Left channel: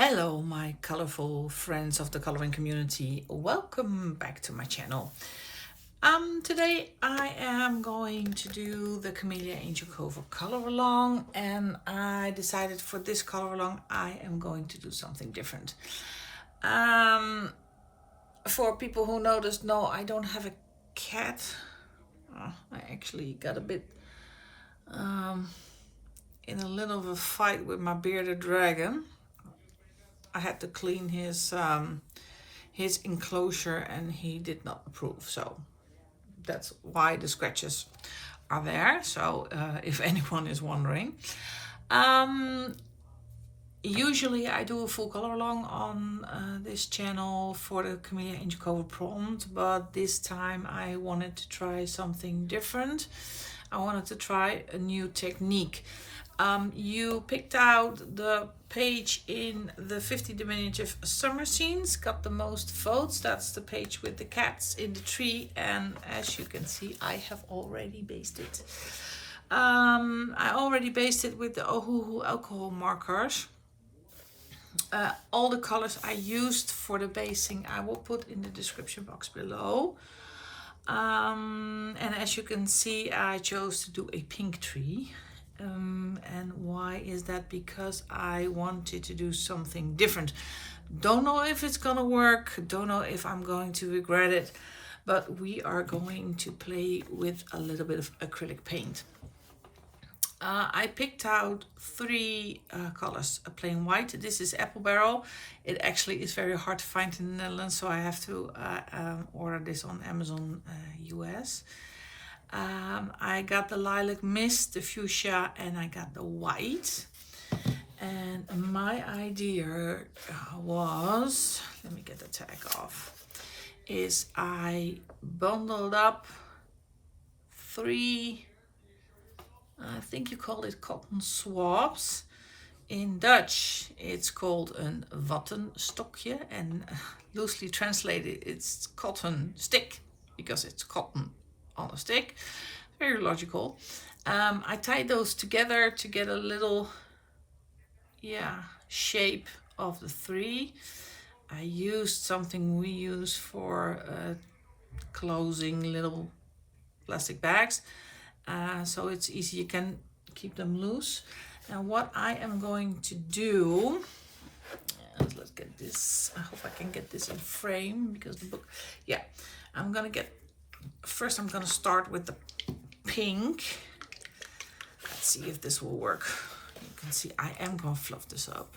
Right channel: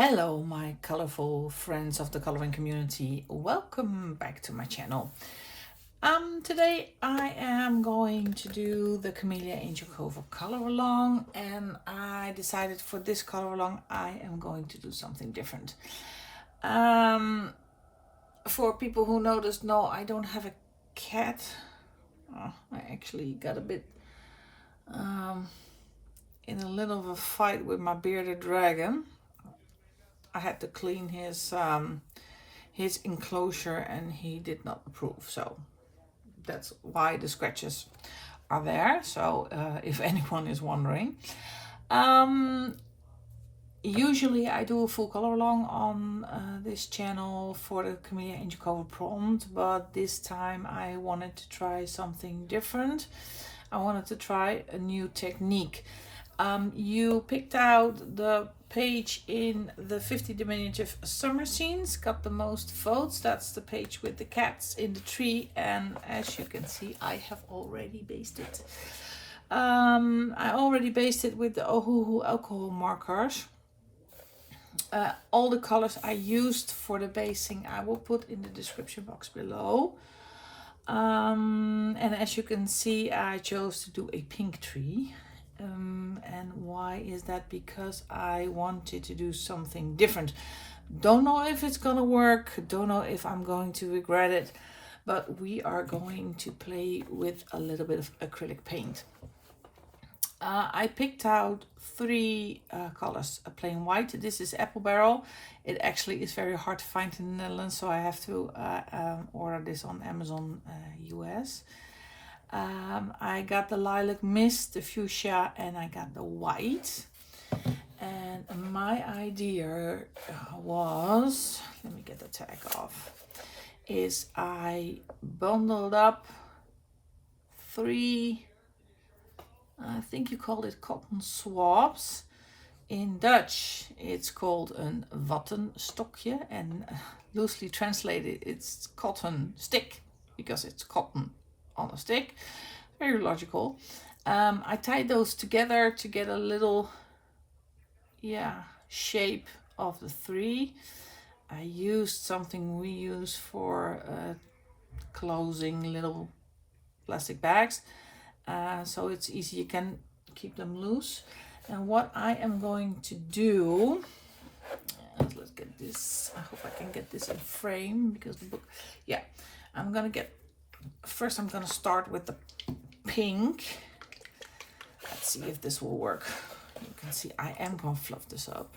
Hello my colorful friends of the coloring community, welcome back to my channel. Today I am going to do the Kameliya Angelkova color along, and I decided for this color along I am going to do something different. For people who noticed, no, I don't have a cat. I actually got a bit in a little of a fight with my bearded dragon. I had to clean his enclosure and he did not approve, so that's why the scratches are there. So if anyone is wondering, usually I do a full color along on this channel for the Kameliya Angelkova prompt, but this time I wanted to try something different. I wanted to try a new technique. You picked out the page in the 50 diminutive summer scenes, got the most votes. That's the page with the cats in the tree, and as you can see I have already based it. I already based it with the Ohuhu alcohol markers. All the colors I used for the basing I will put in the description box below. And as you can see I chose to do a pink tree. And why is that? Because I wanted to do something different. Don't know if it's gonna work, don't know if I'm going to regret it, but we are going to play with a little bit of acrylic paint. I picked out three colors. A plain white, this is apple barrel. It actually is very hard to find in the Netherlands, so I have to order this on Amazon US. I got the lilac mist, the fuchsia, and I got the white. And my idea was, let me get the tag off, is I bundled up three, I think you call it cotton swabs. In Dutch it's called een wattenstokje, and loosely translated it's cotton stick, because it's cotton on a stick. Very logical. I tied those together to get a little shape of the three. I used something we use for closing little plastic bags, so it's easy, you can keep them loose. And what I am going to do, let's get this, I hope I can get this in frame because the book, I'm gonna get, first I'm gonna start with the pink. Let's see if this will work. You can see I am gonna fluff this up.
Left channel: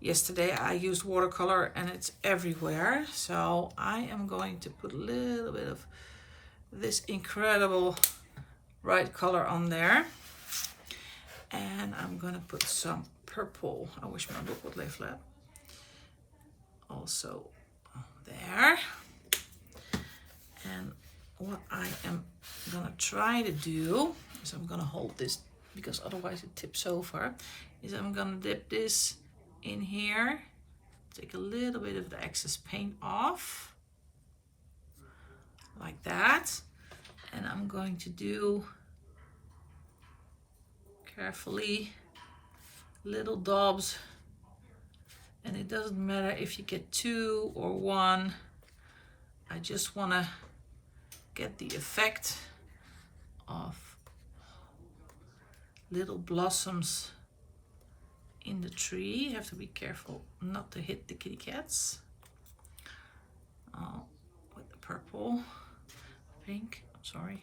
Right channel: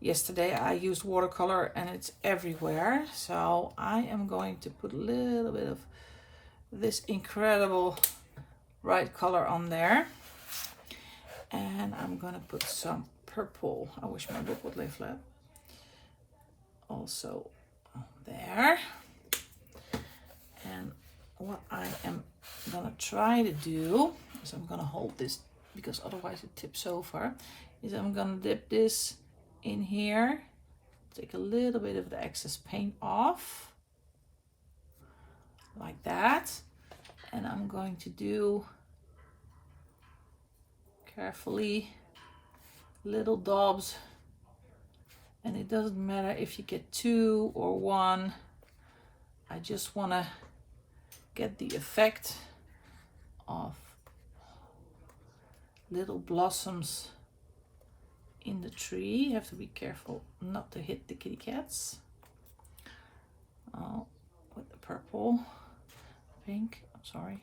Yesterday I used watercolor and it's everywhere, so I am going to put a little bit of this incredible bright color on there, and I'm gonna put some purple. I wish my book would lay flat. Also there. And what I am gonna try to do is, I'm gonna hold this because otherwise it tips over, is I'm gonna dip this in here, take a little bit of the excess paint off like that, and I'm going to do carefully little daubs, and it doesn't matter if you get two or one. I just want to get the effect of little blossoms in the tree. You have to be careful not to hit the kitty cats. With the purple, pink, I'm sorry,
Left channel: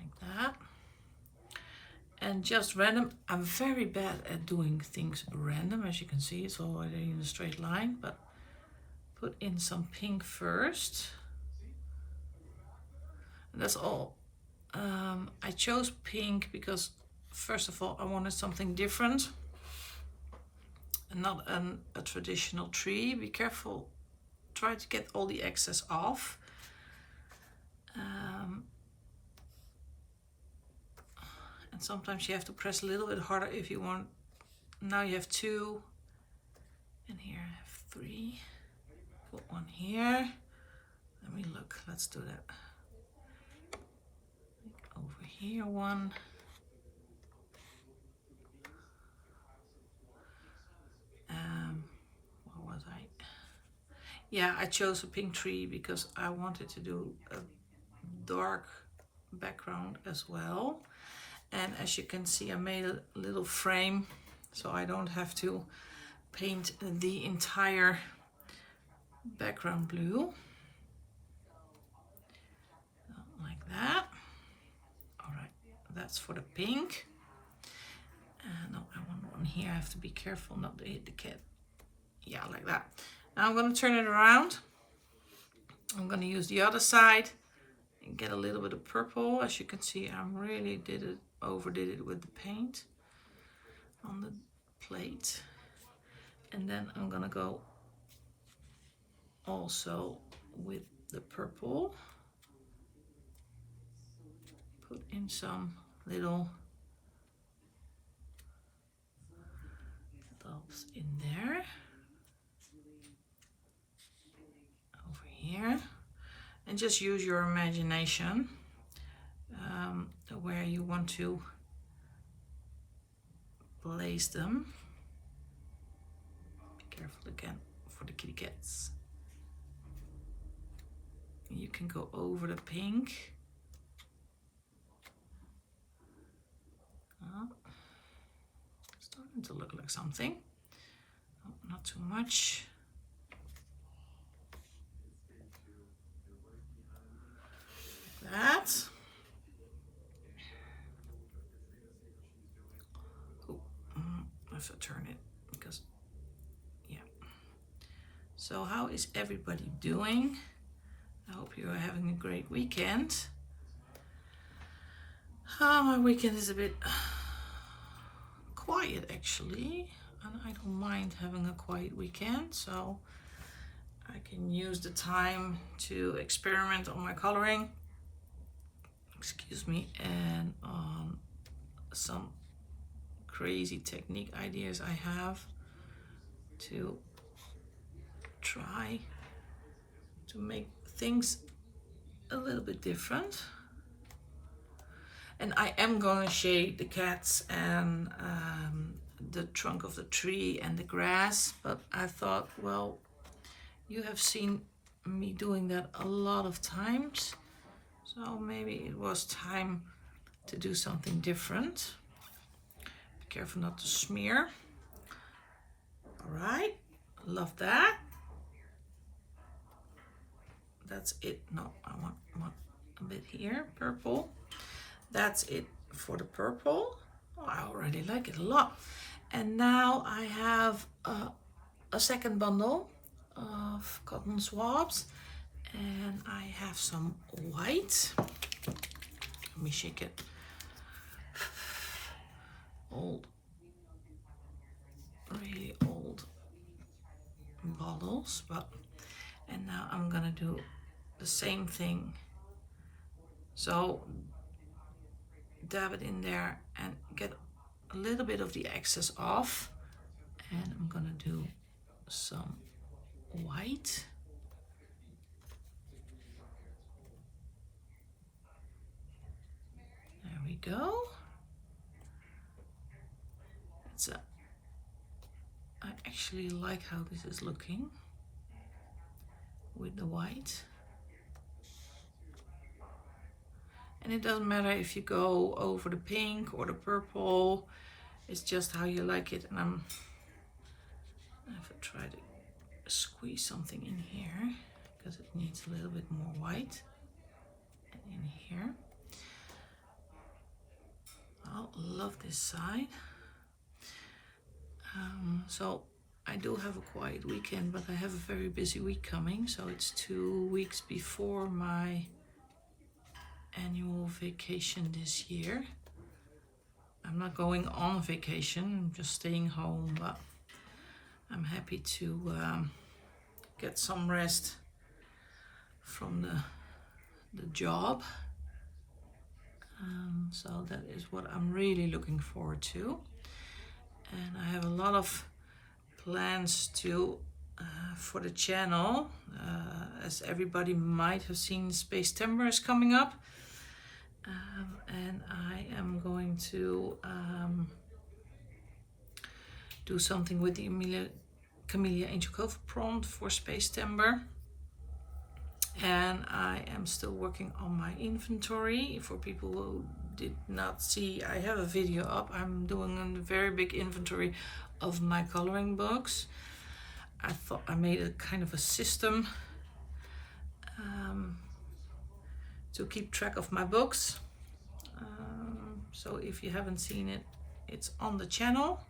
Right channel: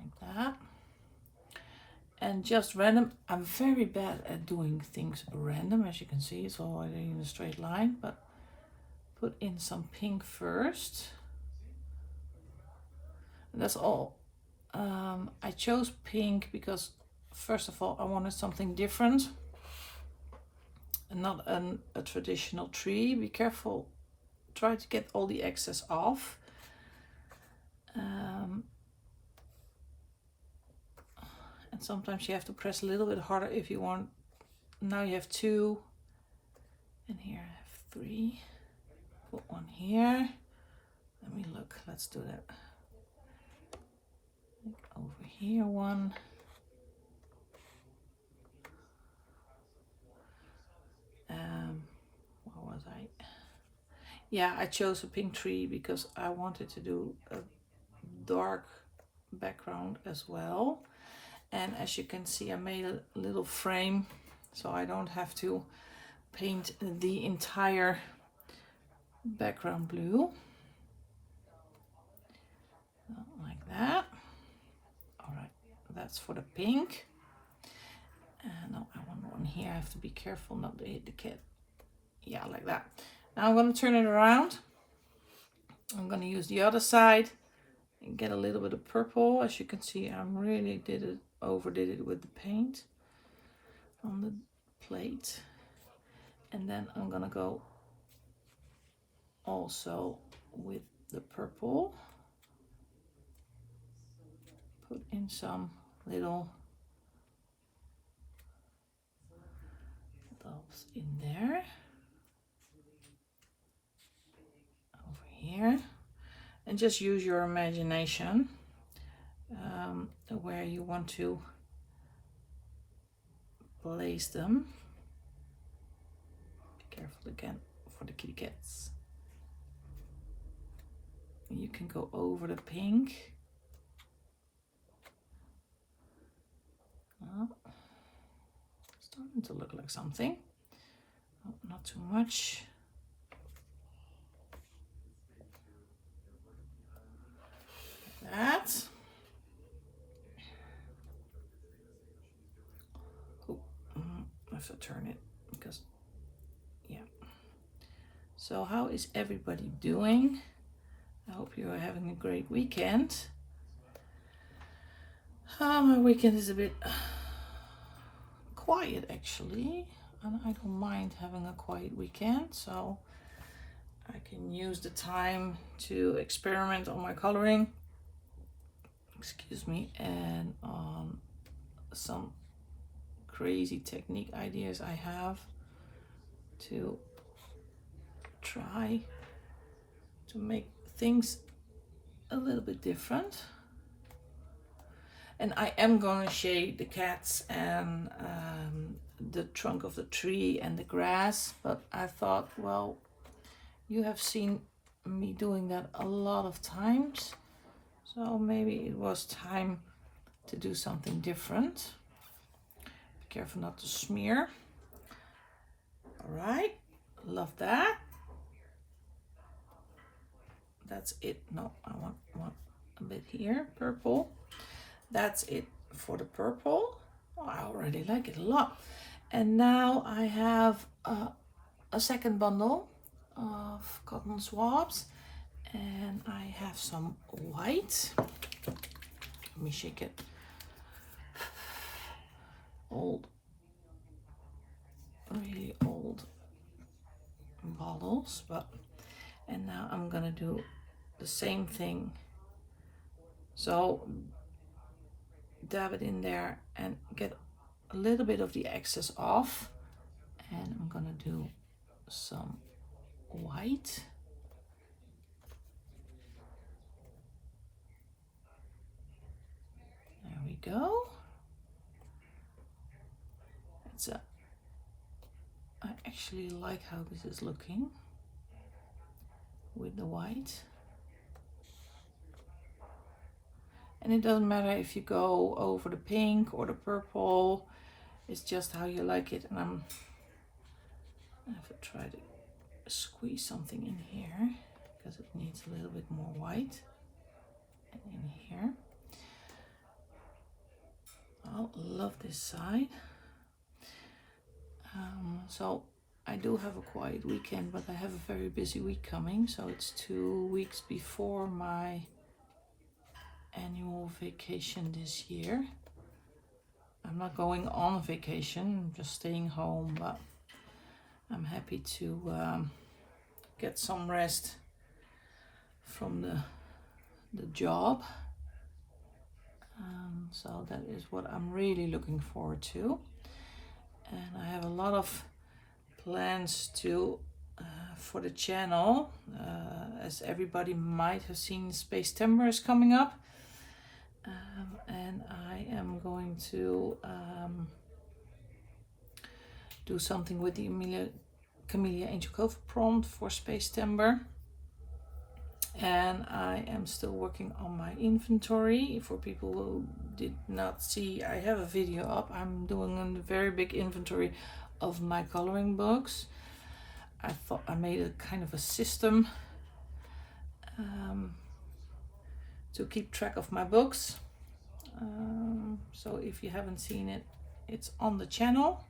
like that. And just random. I'm very bad at doing things random, as you can see it's already in a straight line, but put in some pink first. And that's all. I chose pink because first of all I wanted something different and not a traditional tree. Be careful, try to get all the excess off. And sometimes you have to press a little bit harder if you want. Now you have two, and here I have three. Put one here. Let me look, let's do that. Over here one. was I? Yeah, I chose a pink tree because I wanted to do a dark background as well. And as you can see, I made a little frame so I don't have to paint the entire background blue. Like that. All right, that's for the pink. No, I want one here. I have to be careful not to hit the cat. Yeah, like that. Now I'm going to turn it around. I'm going to use the other side and get a little bit of purple. As you can see, I really overdid it with the paint on the plate. And then I'm going to go also with the purple. Put in some little dots in there. Over here. And just use your imagination where you want to place them. Be careful again for the kitty cats. You can go over the pink. Starting to look like something. Oh, not too much. Like that. Oh, I have to turn it because, yeah. So how is everybody doing? I hope you are having a great weekend. My weekend is a bit quiet actually, and I don't mind having a quiet weekend, so I can use the time to experiment on my coloring, excuse me, and on some crazy technique ideas I have to try to make things a little bit different. And I am going to shade the cats and the trunk of the tree and the grass, but I thought, well, you have seen me doing that a lot of times, so maybe it was time to do something different. Be careful not to smear. All right, love that. That's it. No, I want a bit here, purple. That's it for the purple. Oh, I already like it a lot. And now I have a second bundle of cotton swabs, and I have some white. Let me shake it. Really old bottles, and now I'm gonna do the same thing. So dab it in there and get a little bit of the excess off, and I'm gonna do some white. There we go. I actually like how this is looking with the white. And it doesn't matter if you go over the pink or the purple, it's just how you like it. And I have to try to squeeze something in here because it needs a little bit more white. And in here. I love this side. So I do have a quiet weekend, but I have a very busy week coming. So it's 2 weeks before my annual vacation this year. I'm not going on vacation, I'm just staying home, but I'm happy to get some rest from the job. So that is what I'm really looking forward to. And I have a lot of plans to for the channel. As everybody might have seen, September is coming up. And I am going to do something with the Kameliya Kameliya Angelkova prompt for Space Timber. And I am still working on my inventory. For people who did not see, I have a video up. I'm doing a very big inventory of my coloring books. I thought I made a kind of a system to keep track of my books. So if you haven't seen it, it's on the channel.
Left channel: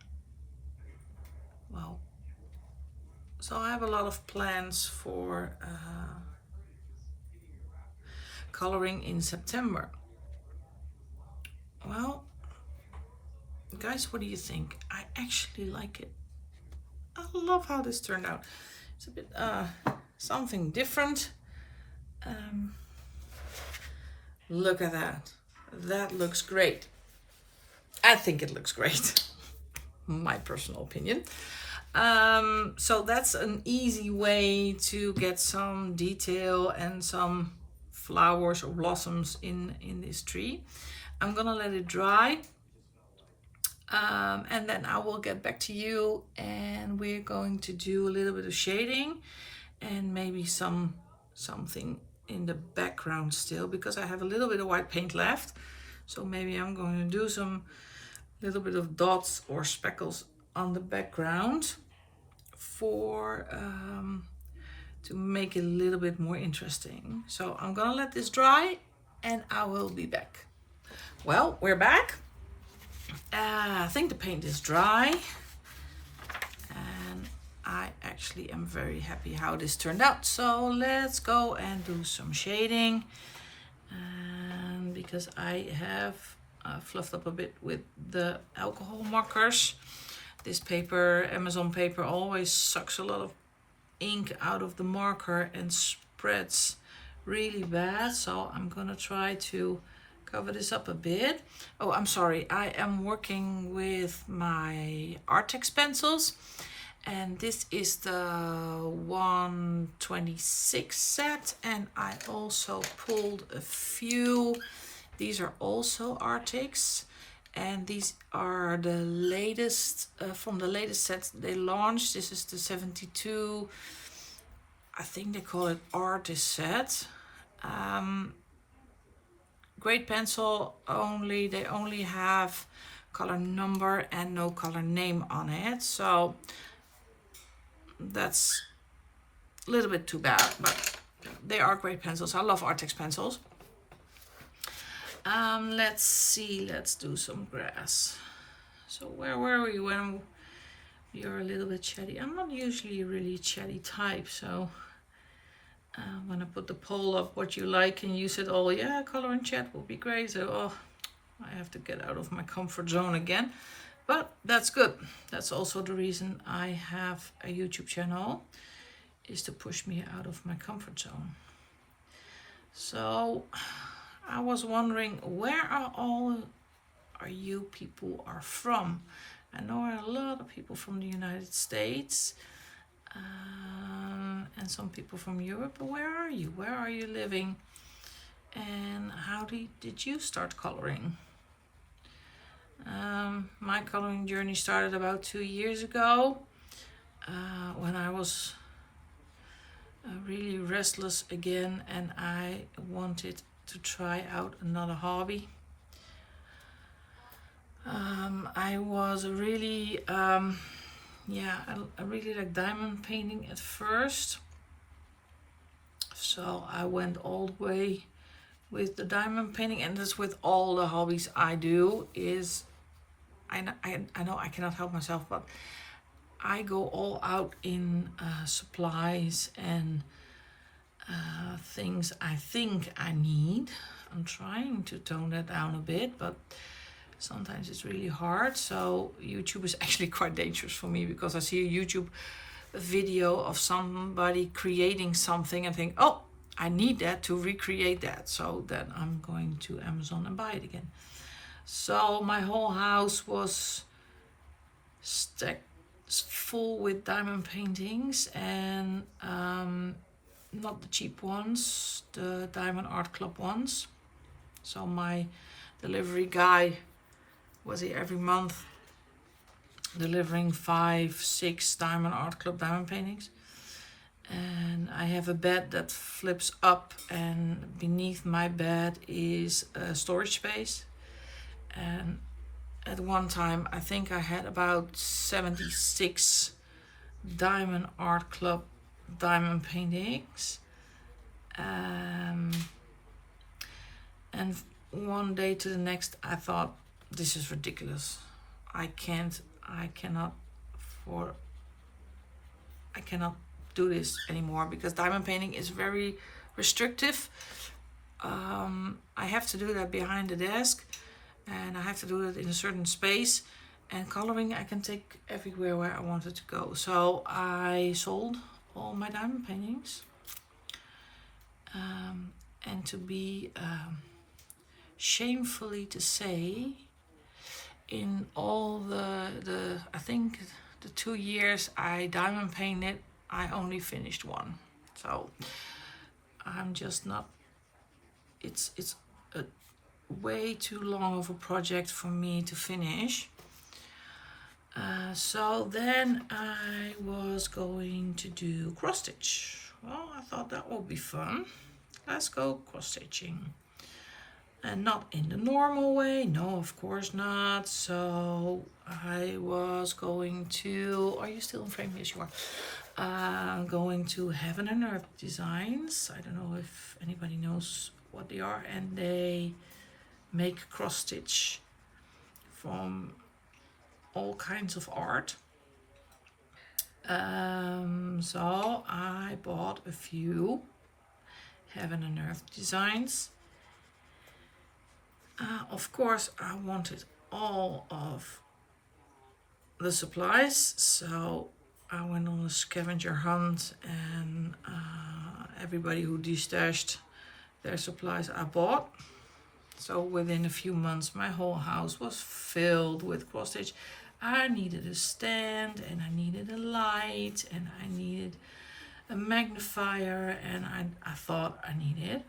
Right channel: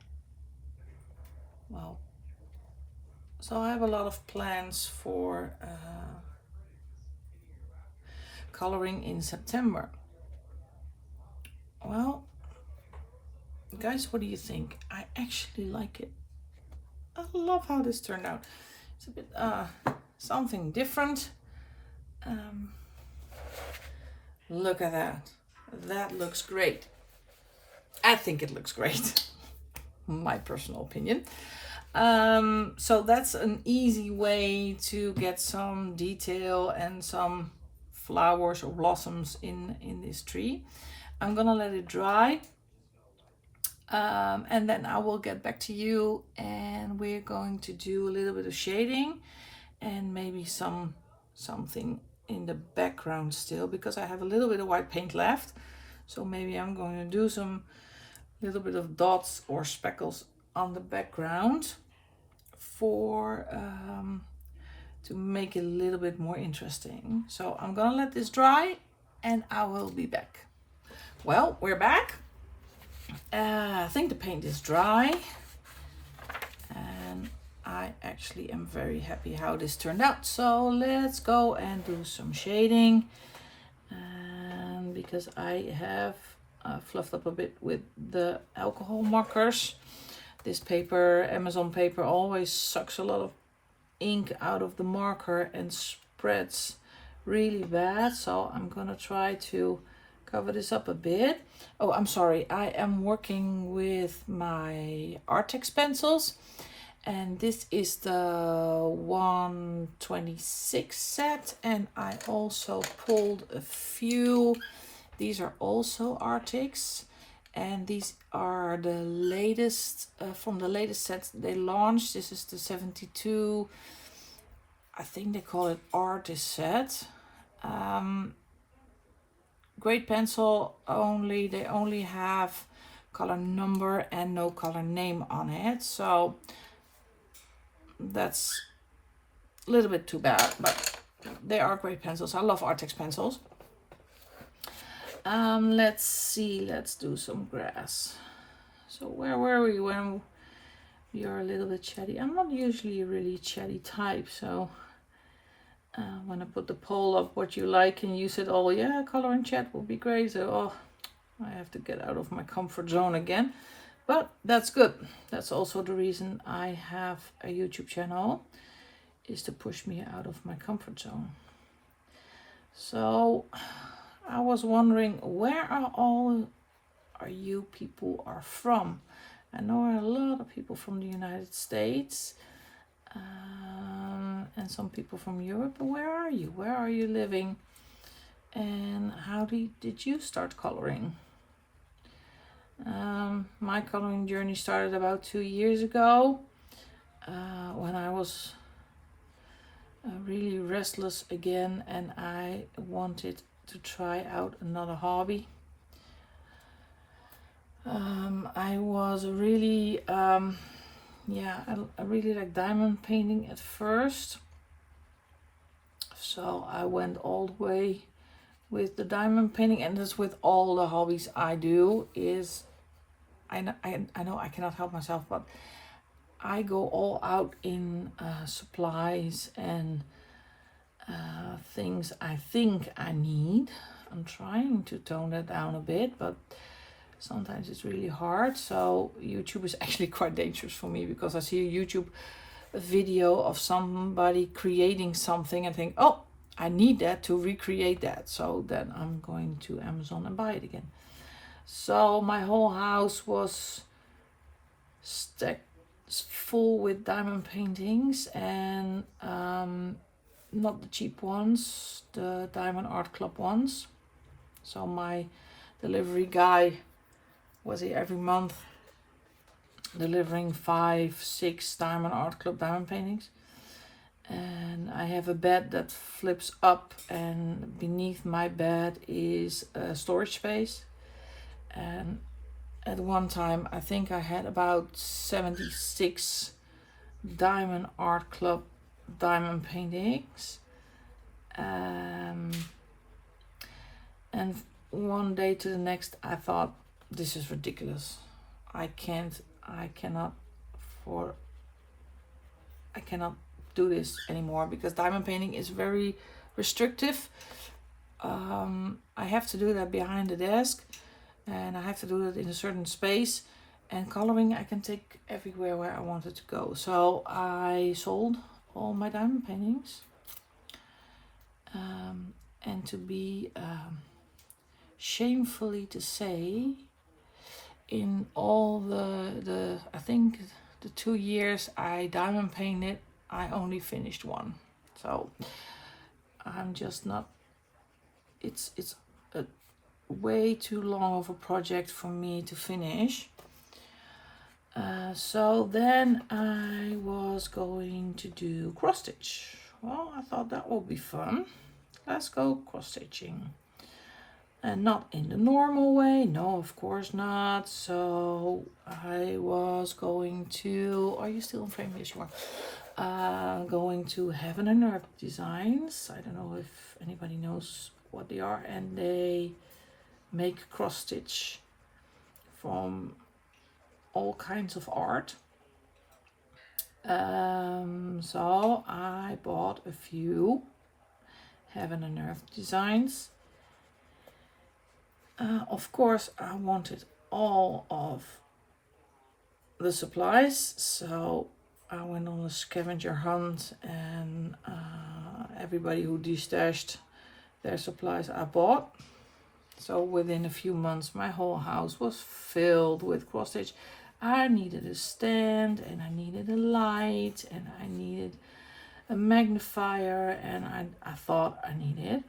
Well, so I have a lot of plans for coloring in September. Well, guys, what do you think? I actually like it. I love how this turned out. It's a bit something different. Look at that. That looks great. I think it looks great. My personal opinion. So that's an easy way to get some detail and some flowers or blossoms in this tree. I'm gonna let it dry, and then I will get back to you, and we're going to do a little bit of shading and maybe something in the background still, because I have a little bit of white paint left. So maybe I'm going to do some little bit of dots or speckles on the background for to make it a little bit more interesting. So I'm gonna let this dry and I will be back. Well, we're back. I think the paint is dry and I actually am very happy how this turned out. So let's go and do some shading, and because I have fluffed up a bit with the alcohol markers. This paper, Amazon paper, always sucks a lot of ink out of the marker and spreads really bad. So I'm gonna try to cover this up a bit. Oh, I'm sorry, I am working with my Artex pencils, and this is the 126 set, and I also pulled a few. These are also Artex, and these are the latest from the latest set they launched. This is the 72, I think they call it Artist set. Great pencil, they only have color number and no color name on it, so that's a little bit too bad, but they are great pencils. I love Artex pencils. Let's see, let's do some grass. So where were we when we are a little bit chatty? I'm not usually a really chatty type, so when I put the poll up what you like, and you said, oh yeah, color and chat will be great, so oh, I have to get out of my comfort zone again, but that's good. That's also the reason I have a YouTube channel, is to push me out of my comfort zone. So I was wondering, where are you people are from? I know a lot of people from the United States, and some people from Europe, but where are you? Where are you living? And how did you start coloring? My coloring journey started about 2 years ago, when I was really restless again and I wanted to try out another hobby. I was really I really like diamond painting at first, so I went all the way with the diamond painting, and that's with all the hobbies I do. Is I know I cannot help myself, but I go all out in supplies and things I think I need. I'm trying to tone that down a bit, but sometimes it's really hard. So YouTube is actually quite dangerous for me, because I see a YouTube video of somebody creating something and think, oh, I need that to recreate that. So then I'm going to Amazon and buy it again. So my whole house was stacked full with diamond paintings, and not the cheap ones, the Diamond Art Club ones. So my delivery guy was here every month delivering 5-6 Diamond Art Club diamond paintings. And I have a bed that flips up, and beneath my bed is a storage space. And at one time I think I had about 76 Diamond Art Club diamond paintings. And one day to the next I thought, this is ridiculous. I cannot do this anymore, because diamond painting is very restrictive. I have to do that behind the desk, and I have to do it in a certain space, and coloring I can take everywhere where I wanted to go. So I sold all my diamond paintings, and to be shamefully to say, in all the I think the 2 years I diamond painted, I only finished one. So I'm just not, it's a way too long of a project for me to finish. So then I was going to do cross stitch. Well, I thought that would be fun. Let's go cross stitching. And not in the normal way, no, of course not. So I was going to, are you still in frame? Yes, you are. Going to Heaven and Earth Designs. I don't know if anybody knows what they are, and they make cross stitch from all kinds of art. So I bought a few Heaven and Earth Designs. Of course, I wanted all of the supplies, so I went on a scavenger hunt, and everybody who destashed their supplies I bought. So within a few months my whole house was filled with cross stitch. I needed a stand, and I needed a light, and I needed a magnifier, and I thought I needed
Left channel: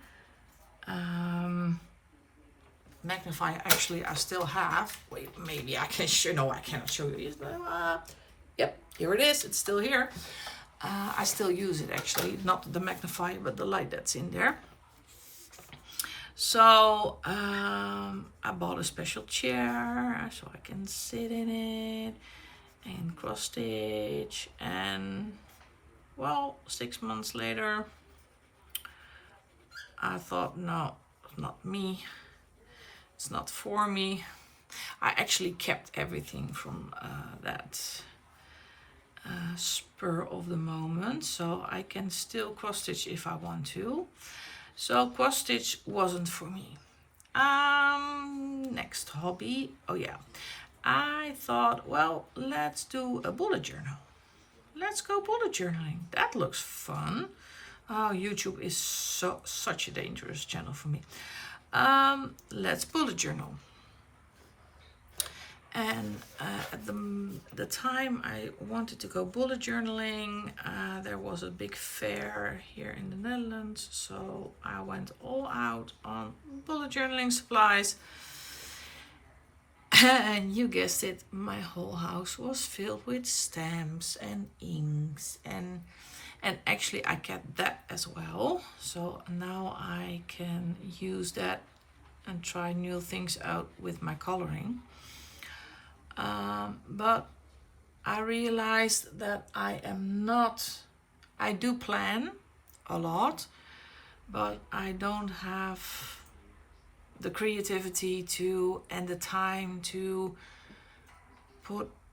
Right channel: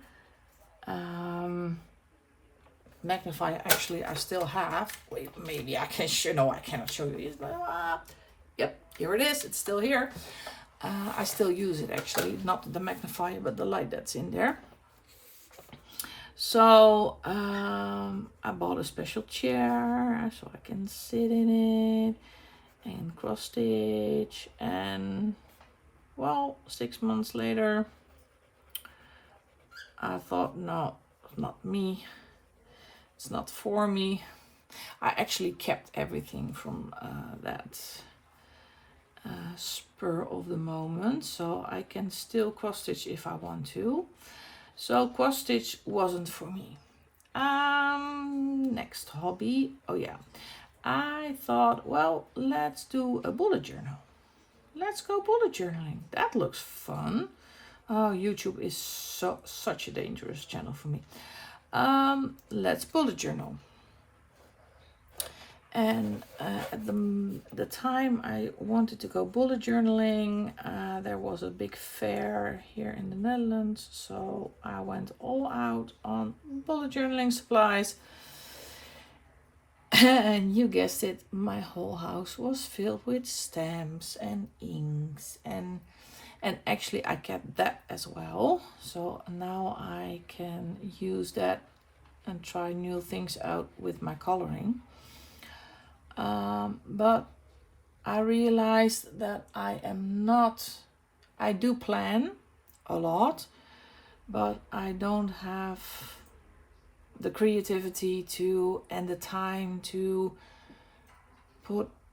magnifier. Actually I still have. Wait, maybe I can show. No, I cannot show you. Yep, here it is. It's still here. I still use it actually, not the magnifier but the light that's in there. So I bought a special chair so I can sit in it and cross stitch. And well, 6 months later I thought, no, not me. It's not for me. I actually kept everything from that spur of the moment, so I can still cross stitch if I want to. So cross stitch wasn't for me. Next hobby. Oh yeah, I thought, well, let's do a bullet journal. Let's go bullet journaling. That looks fun. Oh, YouTube is such a dangerous channel for me. Let's bullet journal. And at the time I wanted to go bullet journaling, there was a big fair here in the Netherlands, so I went all out on bullet journaling supplies. And you guessed it, my whole house was filled with stamps and inks, and actually I kept that as well. So now I can use that and try new things out with my coloring. But I realized that I do plan a lot, but I don't have the creativity to and the time to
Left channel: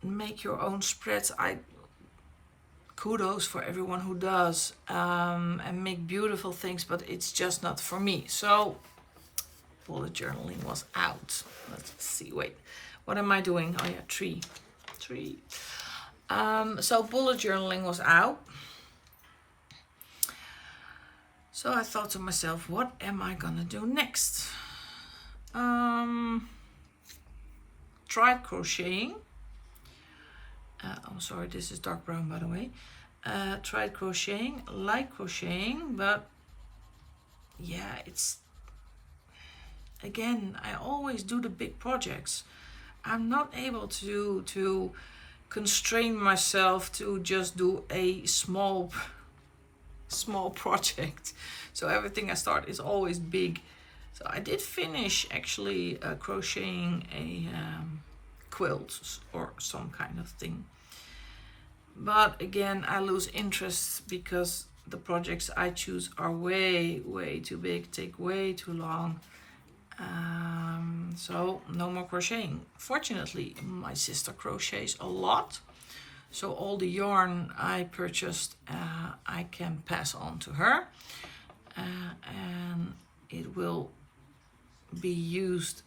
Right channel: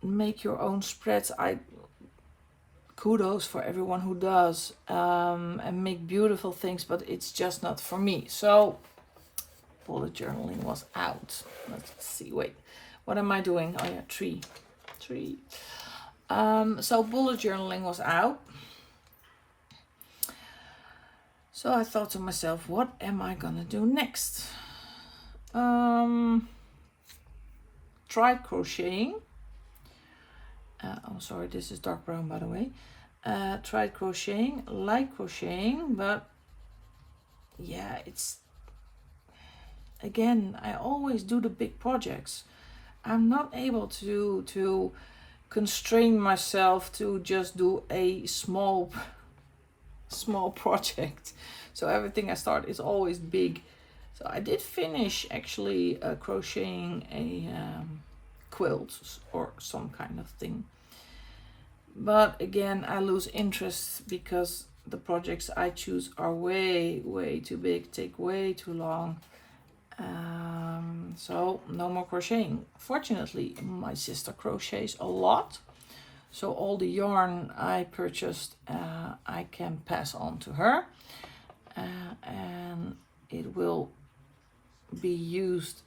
make your own spreads. Kudos for everyone who does, and make beautiful things, but it's just not for me. So bullet journaling was out. Let's see, wait, what am I doing? Oh yeah, tree. So bullet journaling was out. So I thought to myself, what am I gonna do next? Tried crocheting. Oh, sorry, this is dark brown, by the way. Tried crocheting, like crocheting, but yeah, it's, again, I always do the big projects. I'm not able to constrain myself to just do a small project. So everything I start is always big. So I did finish actually crocheting a quilt or some kind of thing. But again, I lose interest because the projects I choose are way too big, take way too long. So no more crocheting. Fortunately, my sister crochets a lot. So all the yarn I purchased, I can pass on to her. And it will be used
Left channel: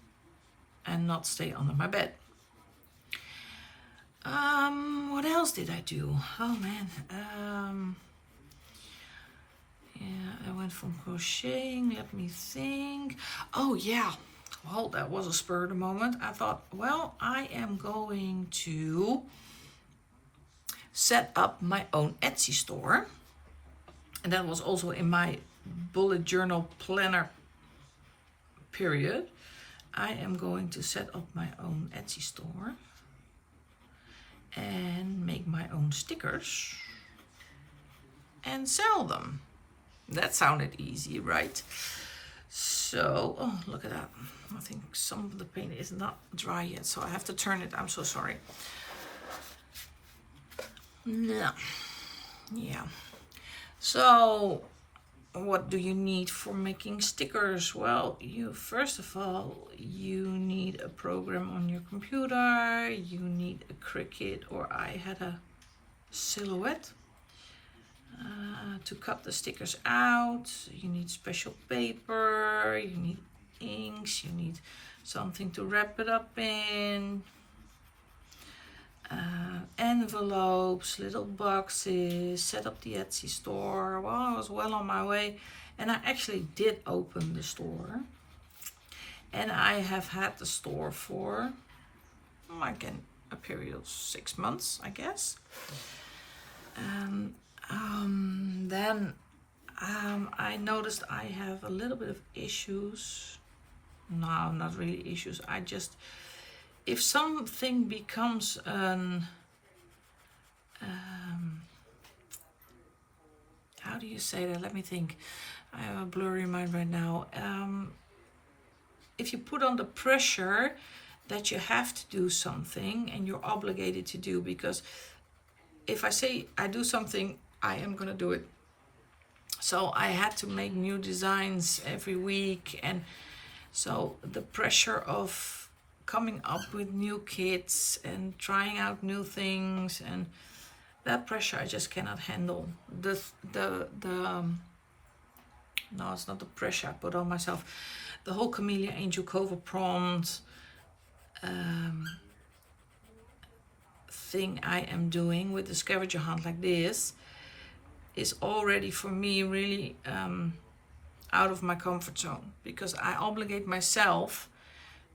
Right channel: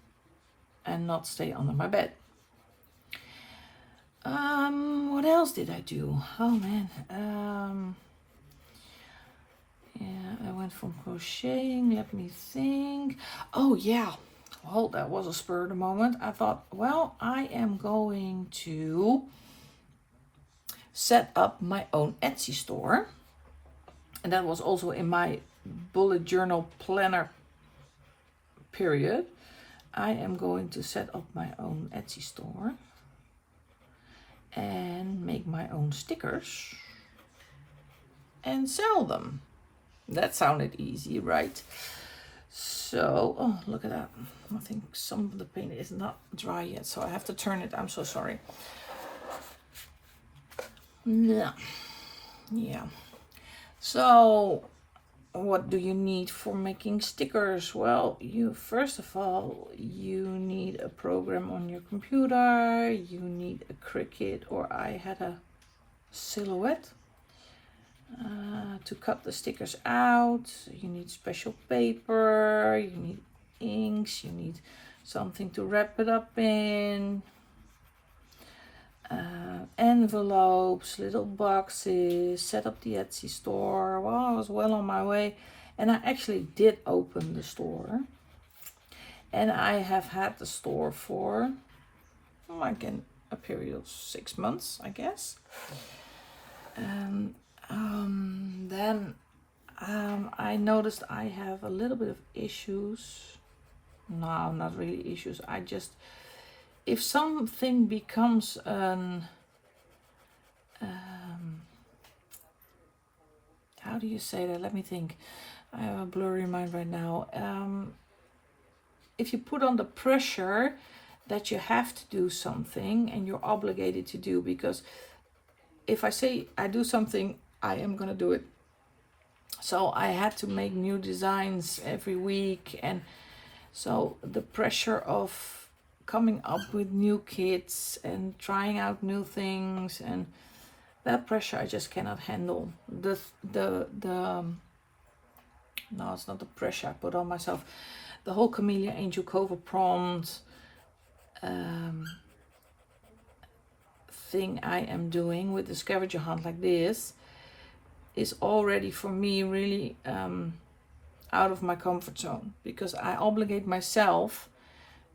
and not stay under my bed. What else did I do? Oh man. Yeah, I went from crocheting. Let me think. Oh yeah. Well, that was a spur of the moment. I thought, well, I am going to set up my own Etsy store. And that was also in my bullet journal planner period. I am going to set up my own Etsy store and make my own stickers and sell them. That sounded easy, right? So, oh, look at that. I think some of the paint is not dry yet, so I have to turn it. I'm so sorry. Yeah. So, what do you need for making stickers? Well, first of all, you need a program on your computer. You need a Cricut, or I had a Silhouette to cut the stickers out. You need special paper, you need inks, you need something to wrap it up in, envelopes, little boxes, set up the Etsy store. Well, I was well on my way, and I actually did open the store, and I have had the store for like a period of 6 months, I guess. Then I noticed I have a little bit of issues. No, not really issues. I just, if something becomes an, how do you say that? Let me think. I have a blurry mind right now. If you put on the pressure that you have to do something and you're obligated to do, because if I say I do something, I am going to do it. So I had to make new designs every week, and so the pressure of coming up with new kits and trying out new things, and that pressure I just cannot handle. No, it's not the pressure I put on myself. The whole Kameliya Angelkova prompt thing I am doing with the scavenger hunt like this is already for me really out of my comfort zone, because I obligate myself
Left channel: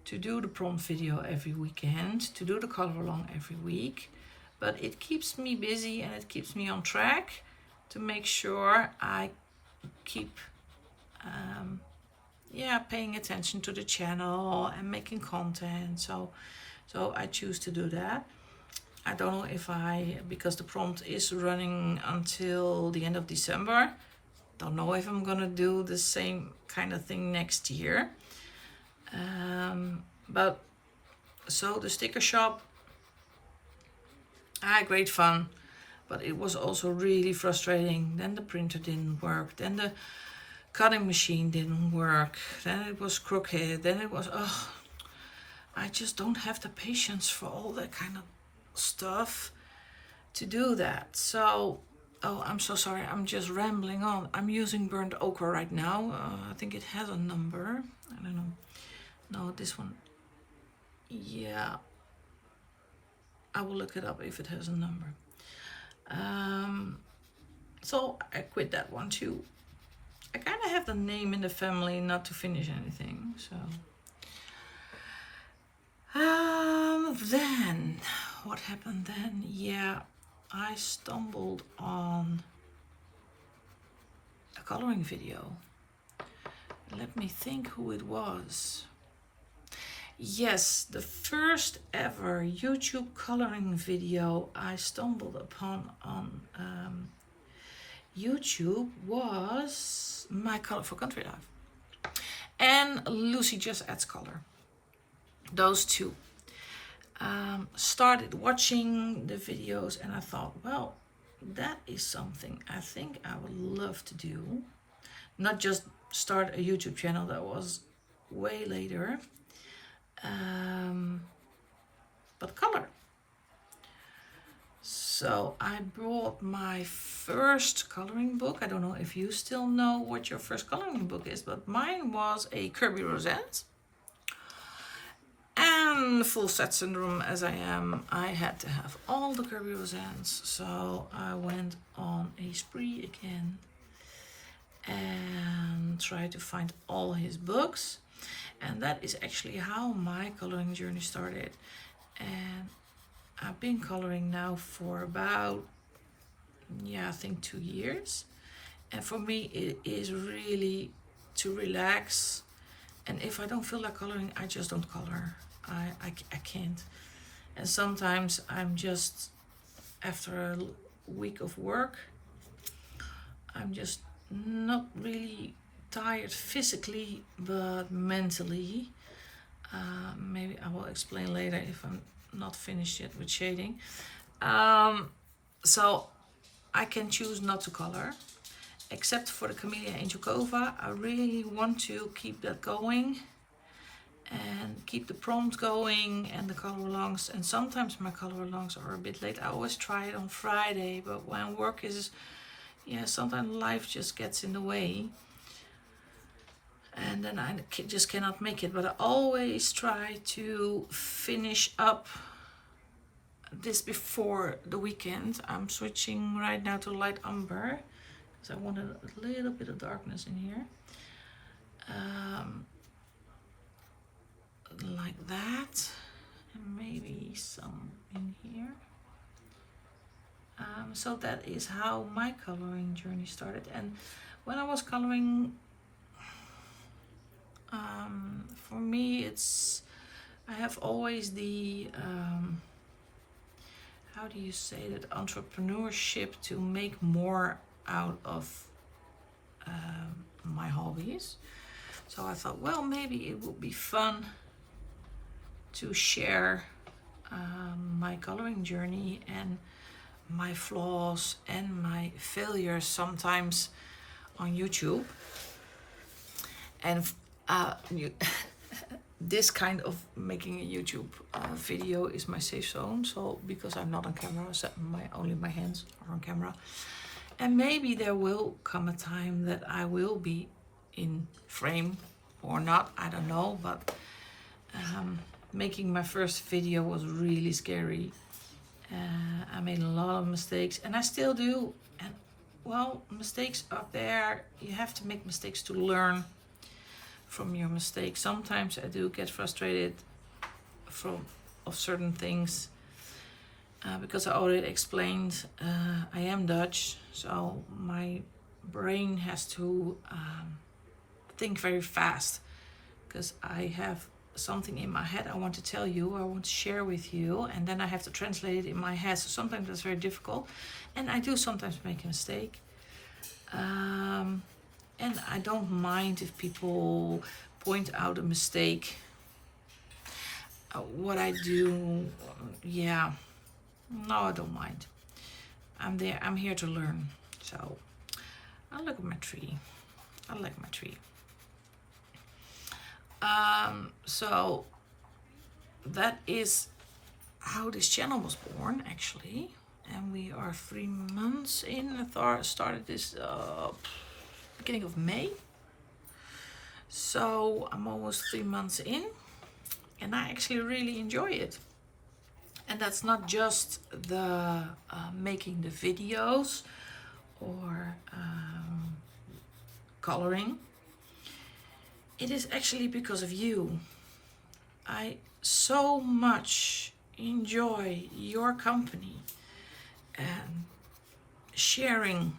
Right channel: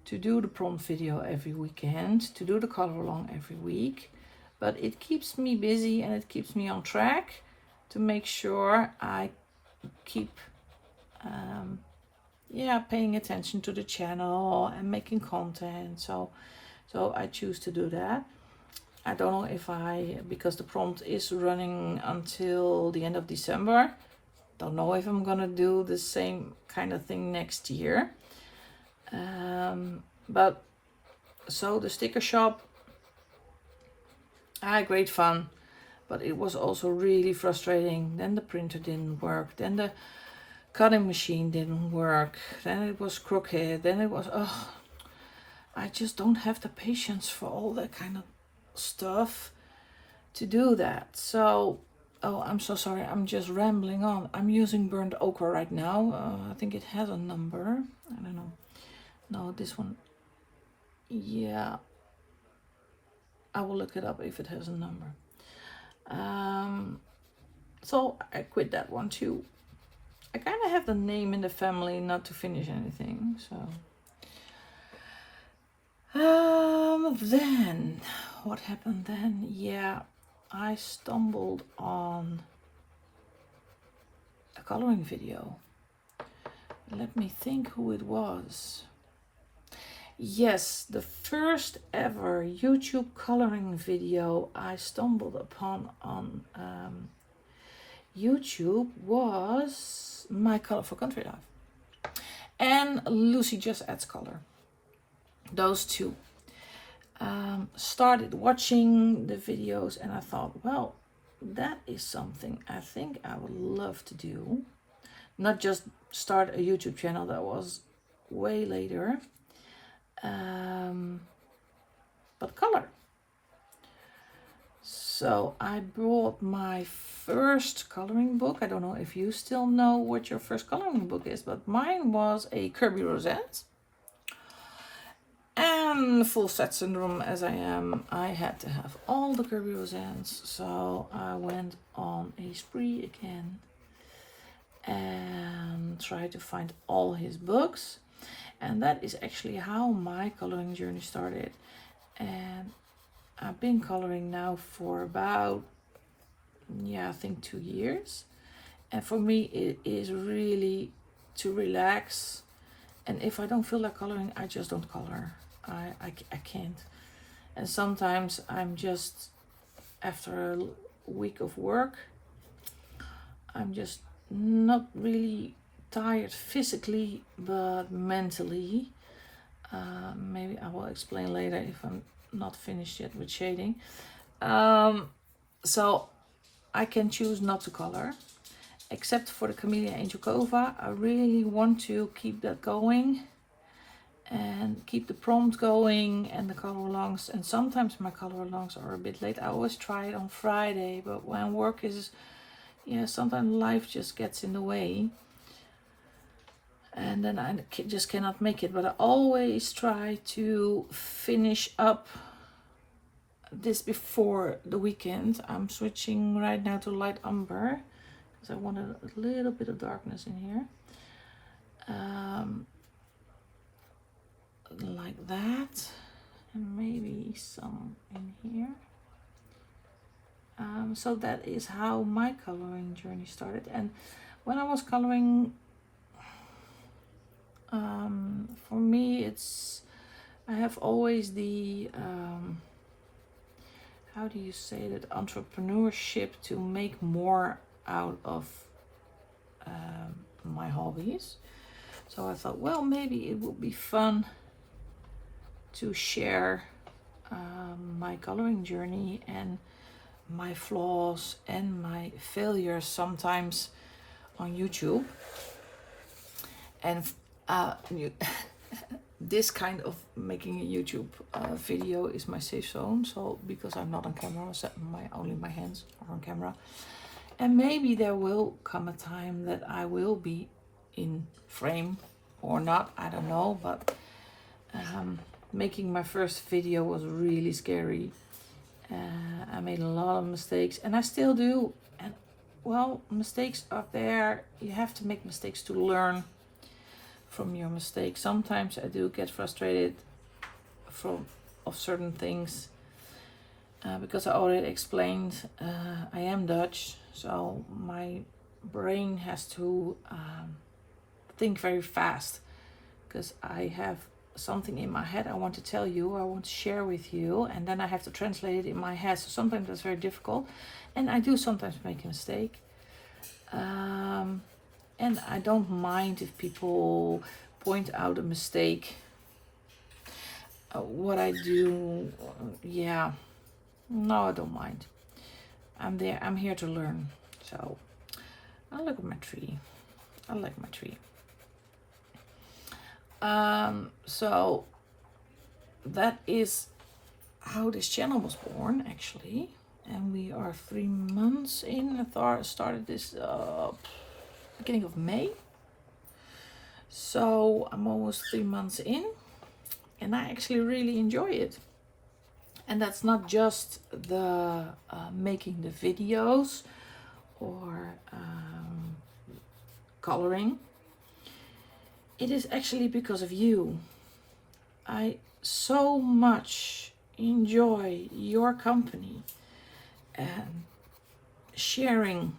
to do the prompt video every weekend, to do the color along every week, but it keeps me busy and it keeps me on track to make sure I keep paying attention to the channel and making content. So I choose to do that. I don't know if because the prompt is running until the end of December, don't know if I'm gonna do the same kind of thing next year. But so the sticker shop, I had great fun, but it was also really frustrating. Then the printer didn't work, then the cutting machine didn't work, then it was crooked, then it was, I just don't have the patience for all that kind of stuff to do that. So, I'm so sorry, I'm just rambling on. I'm using burnt ochre right now. I think it has a number. I don't know. No, this one. Yeah. I will look it up if it has a number. So I quit that one too. I kind of have the name in the family not to finish anything, so. Then, what happened then? Yeah, I stumbled on a coloring video. Let me think who it was. Yes, the first ever YouTube coloring video I stumbled upon on YouTube was My Colorful Country Life and Lucy Just Adds Color. Those two. Started watching the videos and I thought, well, that is something I think I would love to do. Not just start a YouTube channel, that was way later, but color. So I bought my first coloring book. I don't know if you still know what your first coloring book is, but mine was a Kirby Rosette. And full set syndrome as I am, I had to have all the Kirby Rosettes. So I went on a spree again and tried to find all his books. And that is actually how my coloring journey started. And I've been coloring now for about, I think 2 years. And for me, it is really to relax. And if I don't feel like coloring, I just don't color. I can't. And sometimes I'm just, after a week of work, I'm just not really tired physically, but mentally. Maybe I will explain later if I'm not finished yet with shading. So I can choose not to color, except for the Kameliya Angelkova. I really want to keep that going and keep the prompt going and the color alongs. And sometimes my color alongs are a bit late. I always try it on Friday, but when work is, sometimes life just gets in the way. And then I just cannot make it. But I always try to finish up this before the weekend. I'm switching right now to light umber because I wanted a little bit of darkness in here. Like that. And maybe some in here. So that is how my coloring journey started. And when I was coloring, for me, I have always the, how do you say that, entrepreneurship to make more out of my hobbies. So I thought, well, maybe it would be fun to share my coloring journey and my flaws and my failures sometimes on YouTube. And this kind of making a YouTube video is my safe zone. So because I'm not on camera, so only my hands are on camera. And maybe there will come a time that I will be in frame or not, I don't know. But making my first video was really scary. I made a lot of mistakes and I still do. And well, mistakes are there. You have to make mistakes to learn from your mistakes. Sometimes I do get frustrated of certain things because I already explained I am Dutch, so my brain has to think very fast because I have something in my head I want to tell you, I want to share with you, and then I have to translate it in my head. So sometimes that's very difficult, and I do sometimes make a mistake. And I don't mind if people point out a mistake. What I do, no, I don't mind. I'm there, I'm here to learn. So I look at my tree. I like my tree. So that is how this channel was born, actually. And we are 3 months in. I started this beginning of May. So I'm almost 3 months in. And I actually really enjoy it. And that's not just the making the videos or coloring. It is actually because of you. I so much enjoy your company and sharing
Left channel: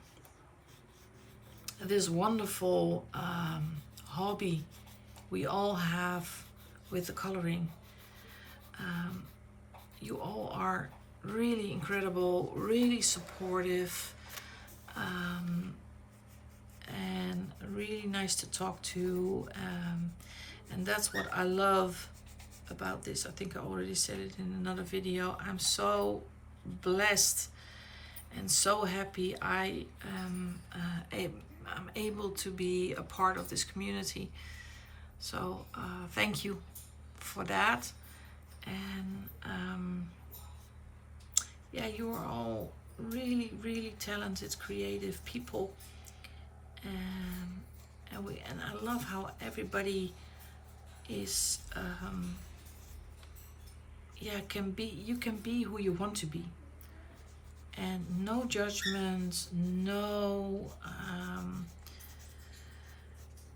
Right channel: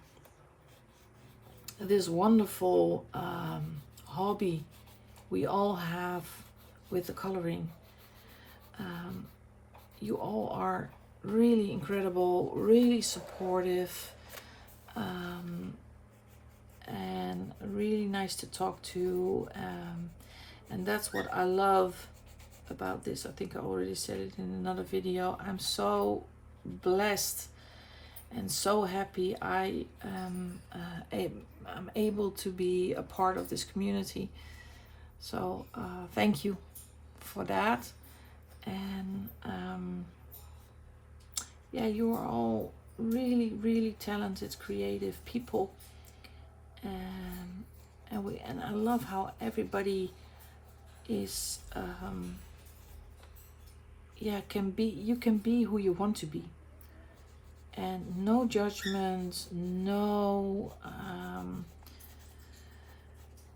this wonderful hobby we all have with the coloring. You all are really incredible, really supportive, and really nice to talk to, and that's what I love about this. I think I already said it in another video. I'm so blessed and so happy I'm able to be a part of this community. So thank you for that. And yeah, you are all really, really talented, creative people, and I love how everybody is yeah, you can be who you want to be, and no judgments, no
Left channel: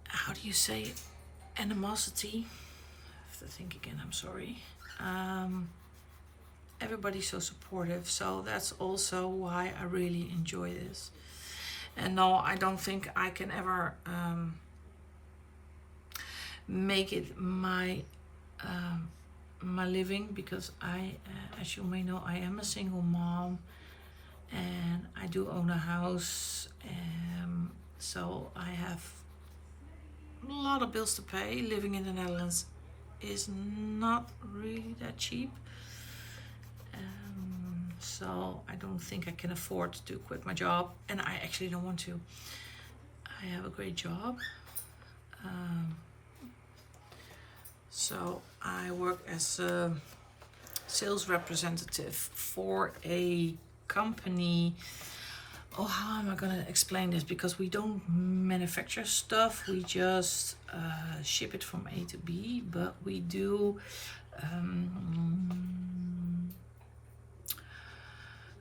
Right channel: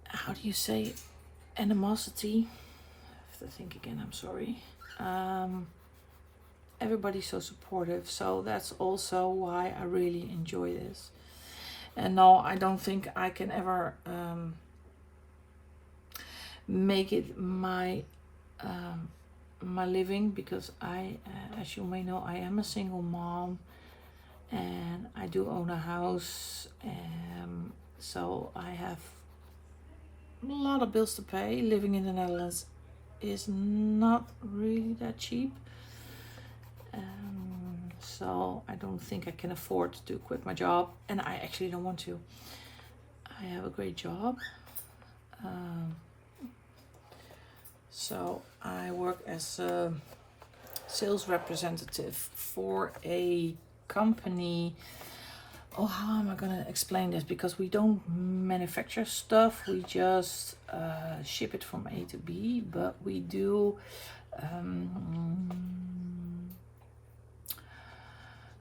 how do you say, animosity. I have to think again, I'm sorry. Everybody's so supportive, so that's also why I really enjoy this. And no, I don't think I can ever make it my my living, because as you may know, I am a single mom and I do own a house, so I have a lot of bills to pay. Living in the Netherlands is not really that cheap, so I don't think I can afford to quit my job, and I actually don't want to. I have a great job. So I work as a sales representative for a company. Oh, how am I gonna explain this? Because we don't manufacture stuff, we just ship it from A to B, but we do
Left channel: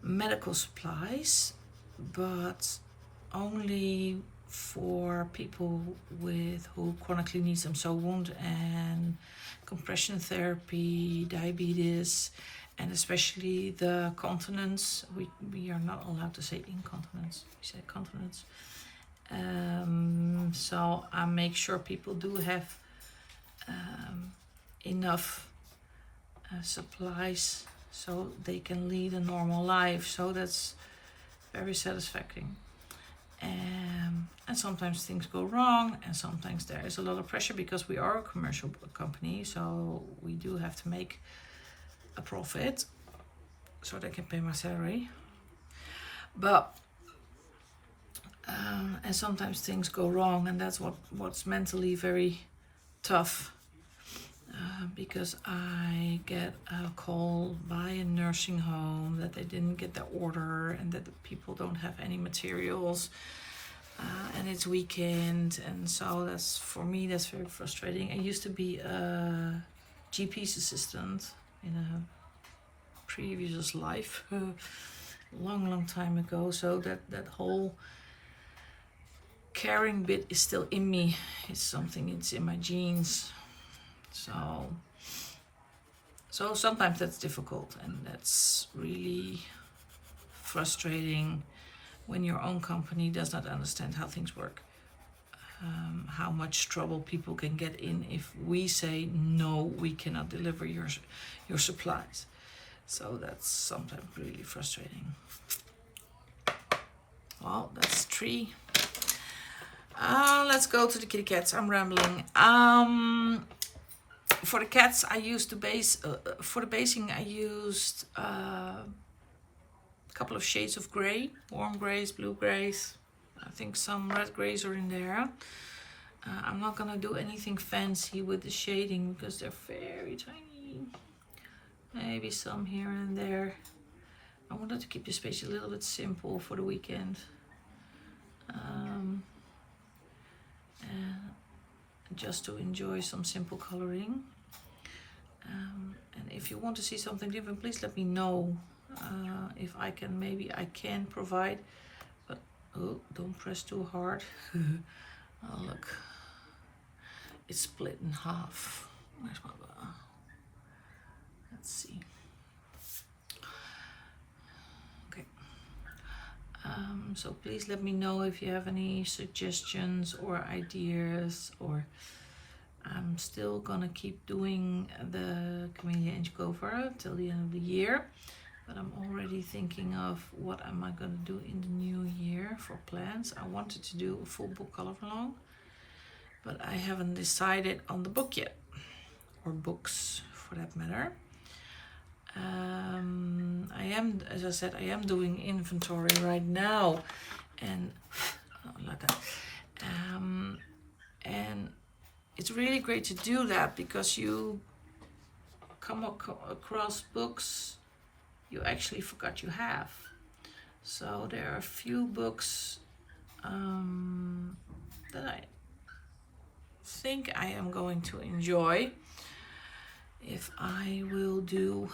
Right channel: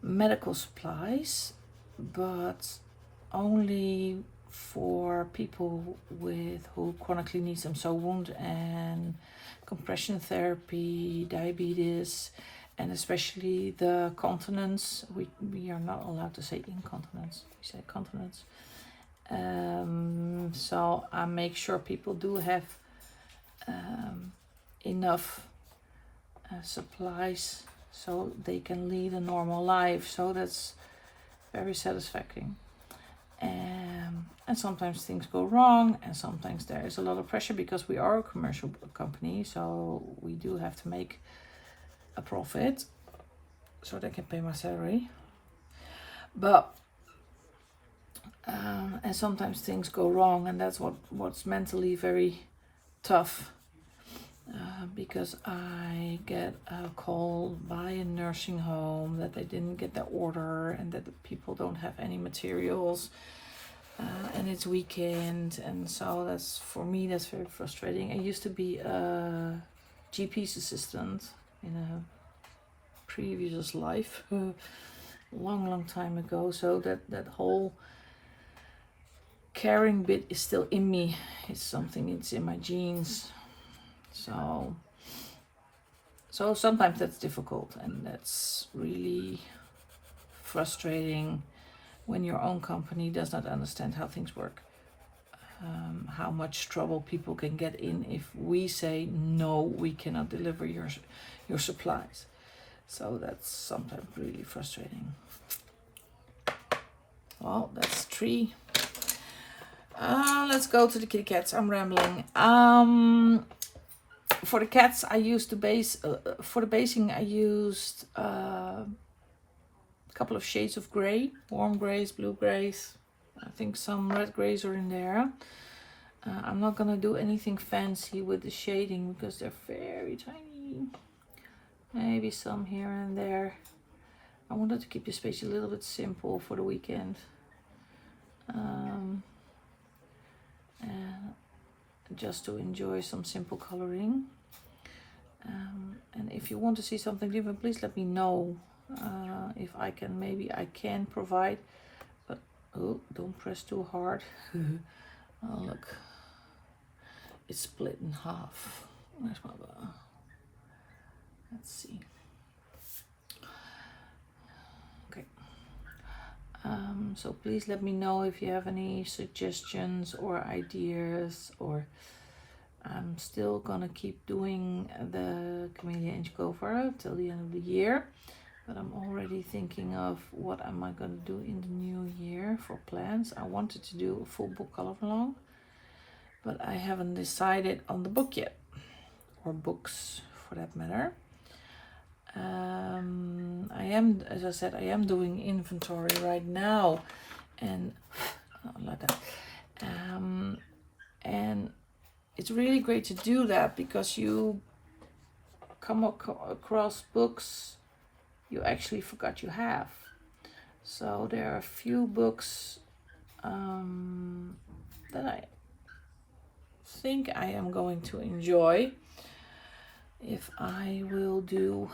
medical supplies, but only for people who chronically need them. So wound and compression therapy, diabetes, and especially the continence. We are not allowed to say incontinence, we say continence. So I make sure people do have enough supplies so they can lead a normal life. So that's very satisfying. And sometimes things go wrong, and sometimes there is a lot of pressure because we are a commercial company, so we do have to make a profit so they can pay my salary. But and sometimes things go wrong, and that's what's mentally very tough, because I get a call by a nursing home that they didn't get their order and that the people don't have any materials, and it's weekend, and so that's, for me, that's very frustrating. I used to be a GP's assistant in a previous life, long time ago, so that whole caring bit is still in me. It's something, it's in my genes. So sometimes that's difficult, and that's really frustrating when your own company does not understand how things work, how much trouble people can get in if we say no, we cannot deliver your supplies. So that's sometimes really frustrating. Well, that's 3. Let's go to the kitty cats. I'm rambling. For the cats, I used to base, for the basing, I used a couple of shades of gray, warm grays, blue grays. I think some red grays are in there. I'm not gonna do anything fancy with the shading because they're very tiny. Maybe some here and there. I wanted to keep the space a little bit simple for the weekend. Just to enjoy some simple coloring. And if you want to see something different, please let me know. If I can, maybe I can provide, but oh, don't press too hard. Oh, look, it's split in half. Where's my let's see. Okay. So please let me know if you have any suggestions or ideas, or I'm still gonna keep doing the Kameliya Angelkova till the end of the year, but I'm already thinking of what am I gonna do in the new year for plans. I wanted to do a full book color along, but I haven't decided on the book yet, or books for that matter. I am, as I said, I am doing inventory right now, and like that. And it's really great to do that because you come across books you actually forgot you have. So there are a few books that I think I am going to enjoy if I will do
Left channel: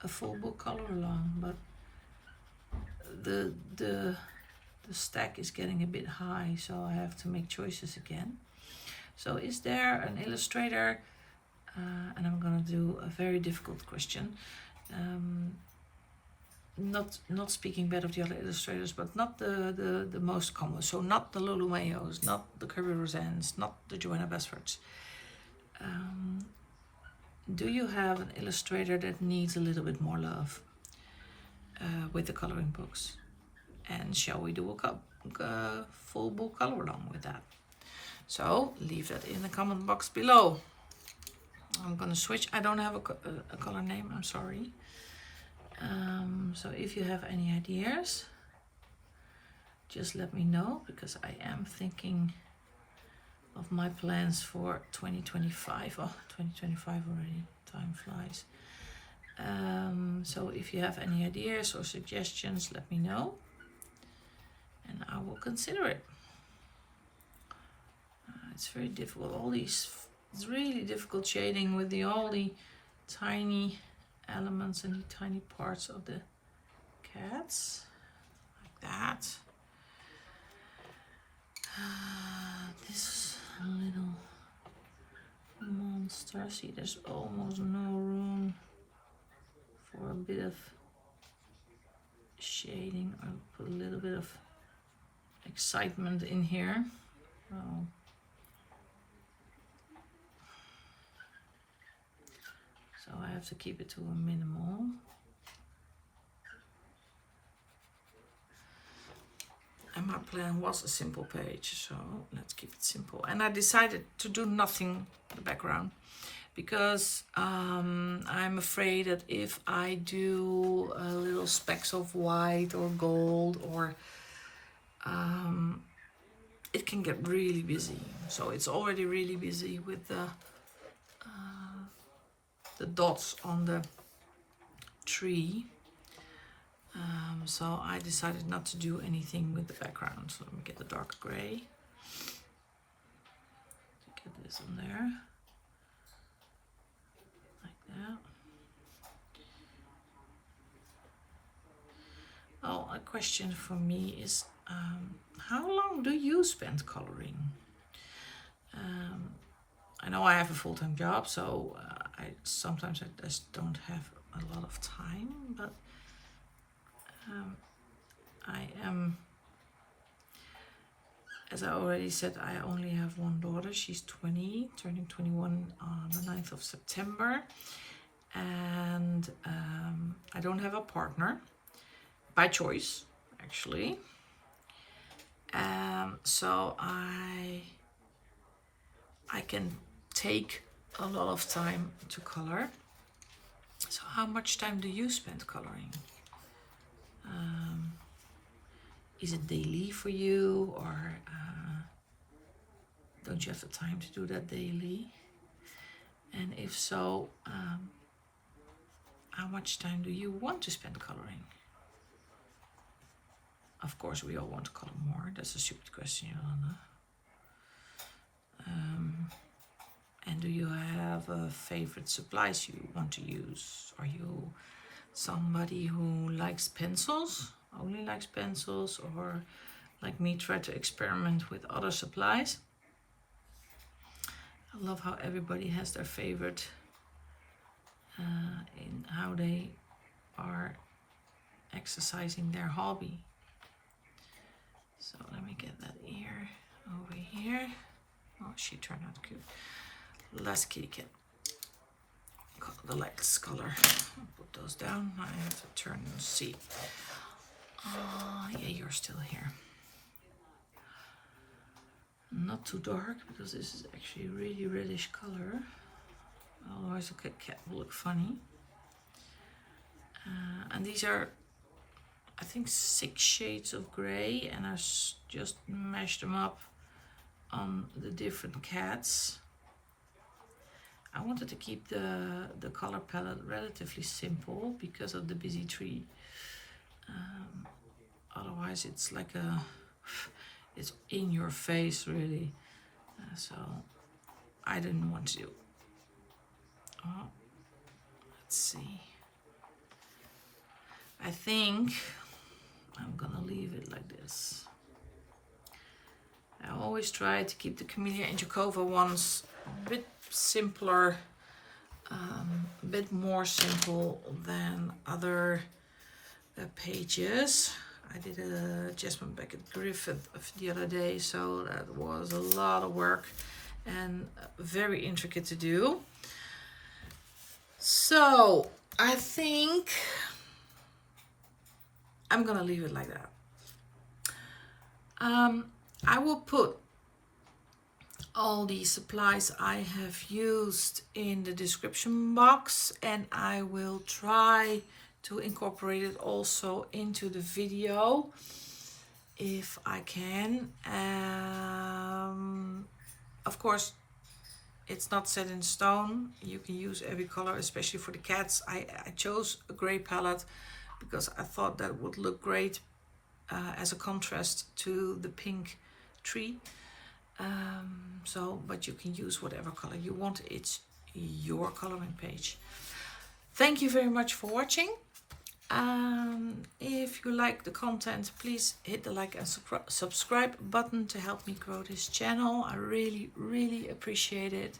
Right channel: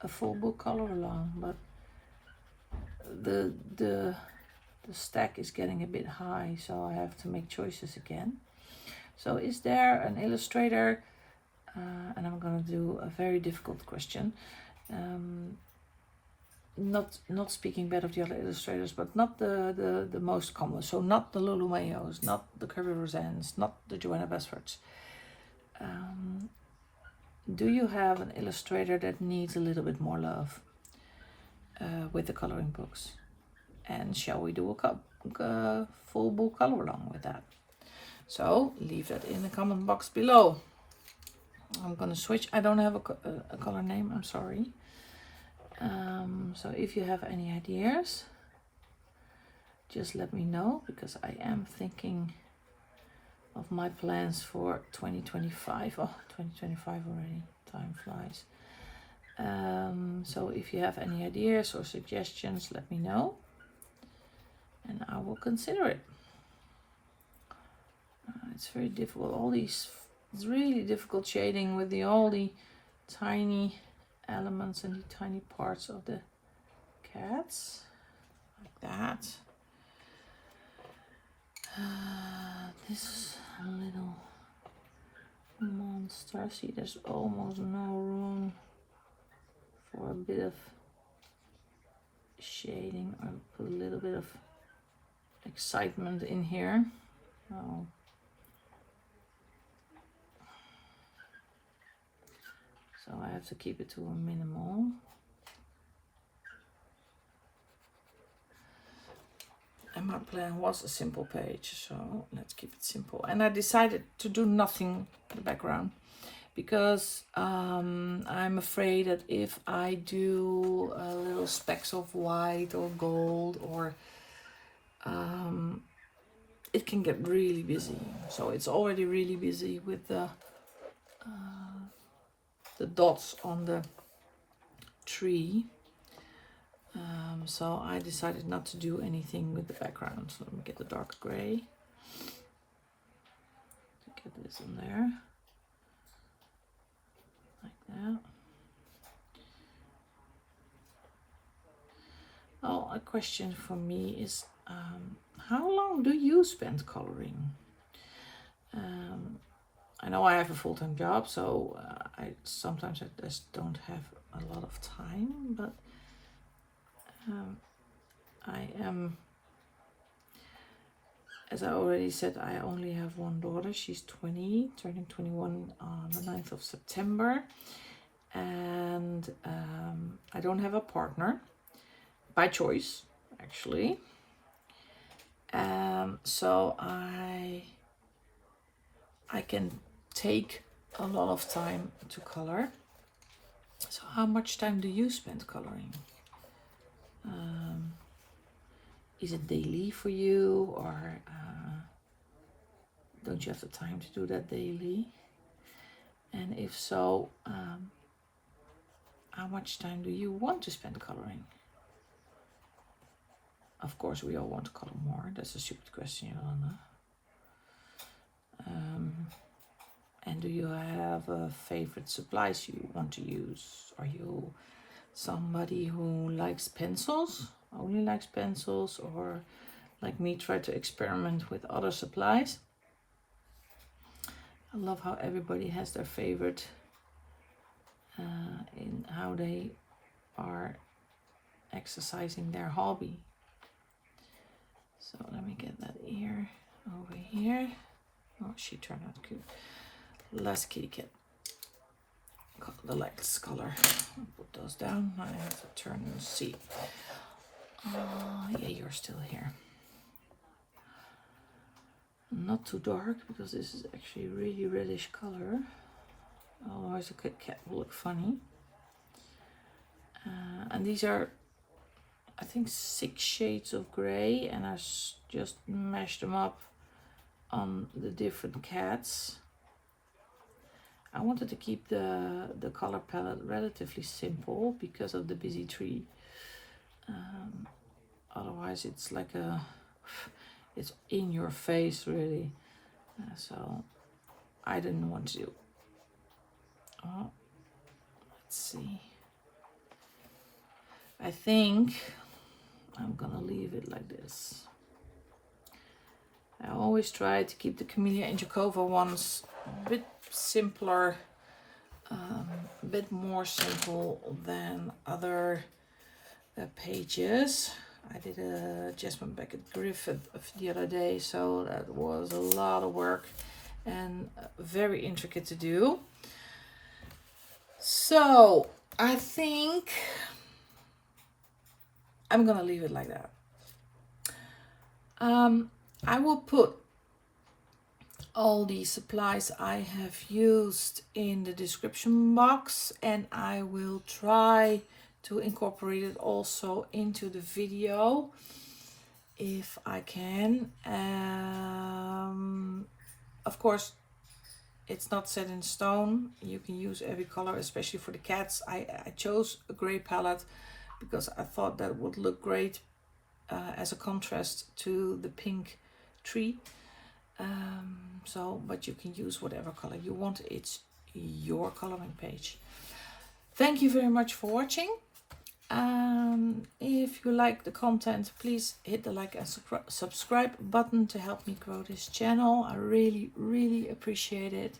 a full book color along, but the stack is getting a bit high, so I have to make choices again. So is there an illustrator, and I'm gonna do a very difficult question, not speaking bad of the other illustrators, but not the most common, so not the Lulu Mayos, not the Kirby Roseannes, not the Joanna Basfords. Do you have an illustrator that needs a little bit more love with the coloring books? And shall we do a full book color along with that? So leave that in the comment box below. I'm gonna switch. I don't have a color name, I'm sorry. So if you have any ideas, just let me know, because I am thinking of my plans for 2025. Oh, 2025 already, time flies. So if you have any ideas or suggestions, let me know and I will consider it. It's very difficult, it's really difficult shading with all the tiny elements and the tiny parts of the cats, like that. This little monster, see, there's almost no room for a bit of shading. I'll put a little bit of excitement in here. Oh. So I have to keep it to a minimal. And my plan was a simple page, so let's keep it simple. And I decided to do nothing in the background because I'm afraid that if I do little specks of white or gold, or it can get really busy. So it's already really busy with the dots on the tree. So I decided not to do anything with the background. So let me get the dark gray. Get this on there, like that. Oh, a question for me is, how long do you spend coloring? I know I have a full-time job, so I sometimes just don't have a lot of time, but I am, as I already said, I only have one daughter. She's 20, turning 21 on the 9th of September. And I don't have a partner, by choice, actually. So I can take a lot of time to color. So how much time do you spend coloring? Is it daily for you, or don't you have the time to do that daily? And if so, how much time do you want to spend coloring? Of course, we all want to color more. That's a stupid question, Yolanda. And do you have favorite supplies you want to use? Are you somebody who likes pencils, only likes pencils, or like me, try to experiment with other supplies? I love how everybody has their favorite in how they are exercising their hobby. So let me get that ear over here. Oh, she turned out cute. last kitty cat. The lights color. I'll put those down. I have to turn and see. Yeah, you're still here. Not too dark, because this is actually a really reddish color. Otherwise a cat will look funny. And these are, I think, 6 shades of gray, and I just mashed them up on the different cats. I wanted to keep the color palette relatively simple because of the busy tree. Otherwise it's like it's in your face really. So I didn't want to. Let's see. I think I'm gonna leave it like this. I always try to keep the Kameliya Angelkova ones a bit simpler, a bit more simple than other pages. I did a Jasmine Beckett Griffith the other day, so that was a lot of work and very intricate to do. So I think I'm gonna leave it like that. I will put all the supplies I have used in the description box, and I will try to incorporate it also into the video if I can. Of course, it's not set in stone. You can use every color, especially for the cats. I chose a gray palette because I thought that would look great as a contrast to the pink tree. But you can use whatever color you want. It's your coloring page. Thank you very much for watching. If you like the content, please hit the like and subscribe button to help me grow this channel. I really appreciate it.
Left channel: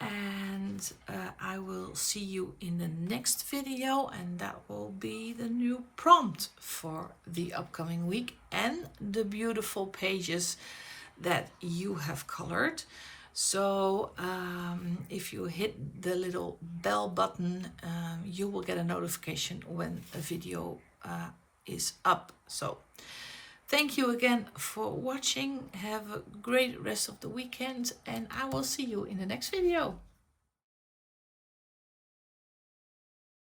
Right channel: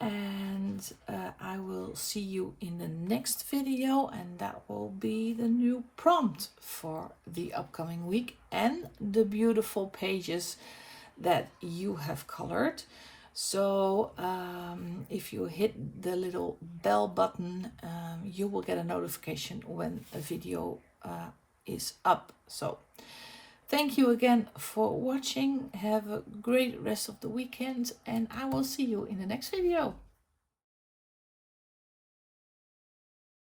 And I will see you in the next video, and that will be the new prompt for the upcoming week and the beautiful pages that you have colored. So if you hit the little bell button, you will get a notification when a video is up. So thank you again for watching. Have a great rest of the weekend, and I will see you in the next video.